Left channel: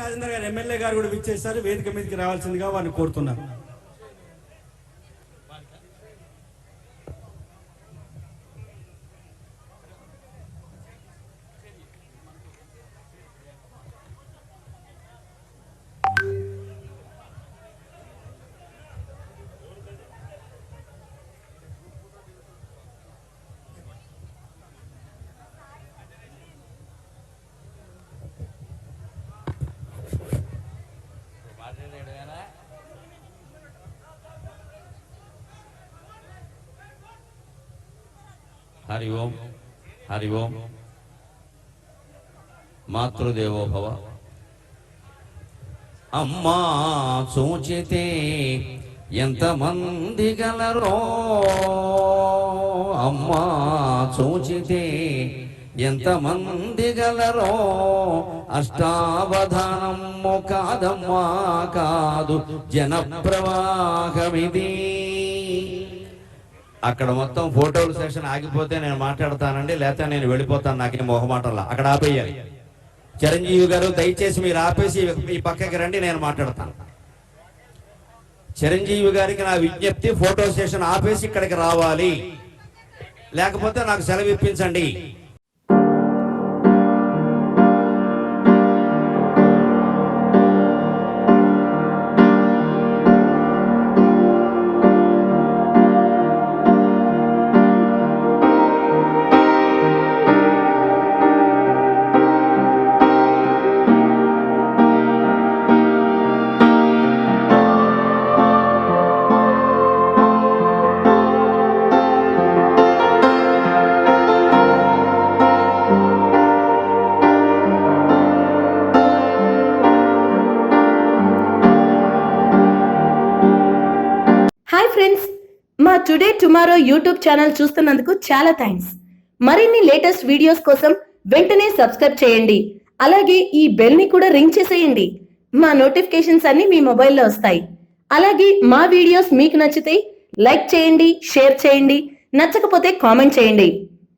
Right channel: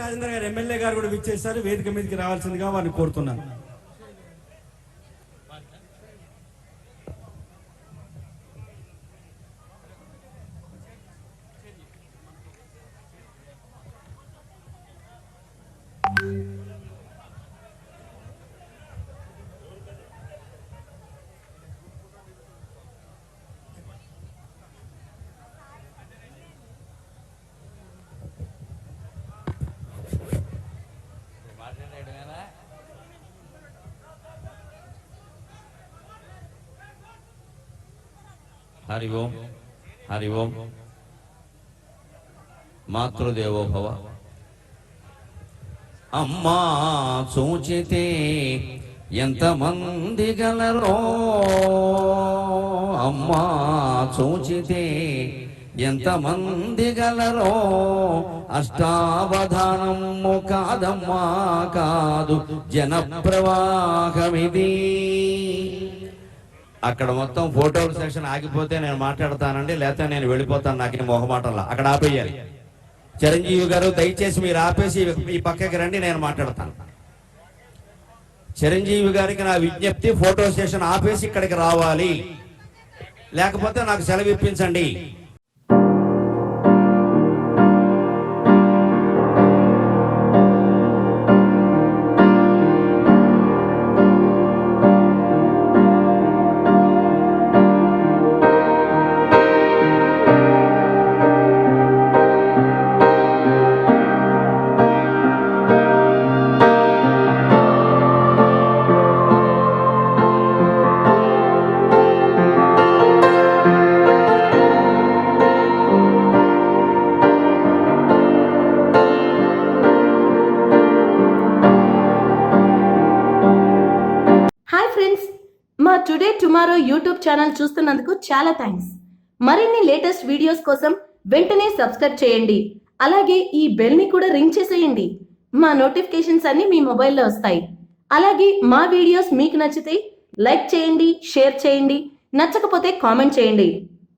రాజేంద్ర గారు ఎమ్మెల్యే గారు కూడా విచ్చేశారు. వేదిక మీదకి రావాల్సిందిగా వారిని కోరుతున్నారు. హరి ఓం హరి ఓం. మాతృదేవో భవ. అమ్మా చూచితే ఎంతమంది గలరో, అమ్మా చూచితే ఎంతమంది గలరో, అష్టావధానము కాదమ్మా కాదు జన ప్రవాహమిది. అక్కడ మొత్తం ఫోటోల సెషన్ ఆగిపోతే నేను మాట్లాడతానండి, లేకపోతే నేను వెళ్ళిపోతాను. నాకేం మొహమాటంలా అక్కడ ఆపేయాలి. చిరంజీవి గారు దయచేసి మీరు ఆపేసి ఈ పక్కకి రండి, నేను మాట్లాడతాను. చిరంజీవి గారికి నా విజ్ఞప్తి, ఫోటో సెషన్ ఆపేసి ఇక్కడికి రావాలి, లేకపోతే నాకు సెలవు ఇప్పించండి. హాయ్ ఫ్రెండ్స్, మా టుడే టుమారో యూట్యూబ్ ఛానల్ చూస్తున్నందుకు చాలా థ్యాంక్స్. మరిన్ని లేటెస్ట్ వీడియోస్ కోసం వెంటనే సబ్స్క్రైబ్ చేయండి. అలాగే ఈ బెల్ ని కూడా రింగ్ చేసేయండి. మా నోటిఫికేషన్స్ అన్ని మీ మొబైల్లో వస్తాయి. అలాగే మా వీడియోస్ మీకు నచ్చితే లైక్ చేయండి, షేర్ చేయండి, నచ్చకపోతే కామెంట్ చేయండి.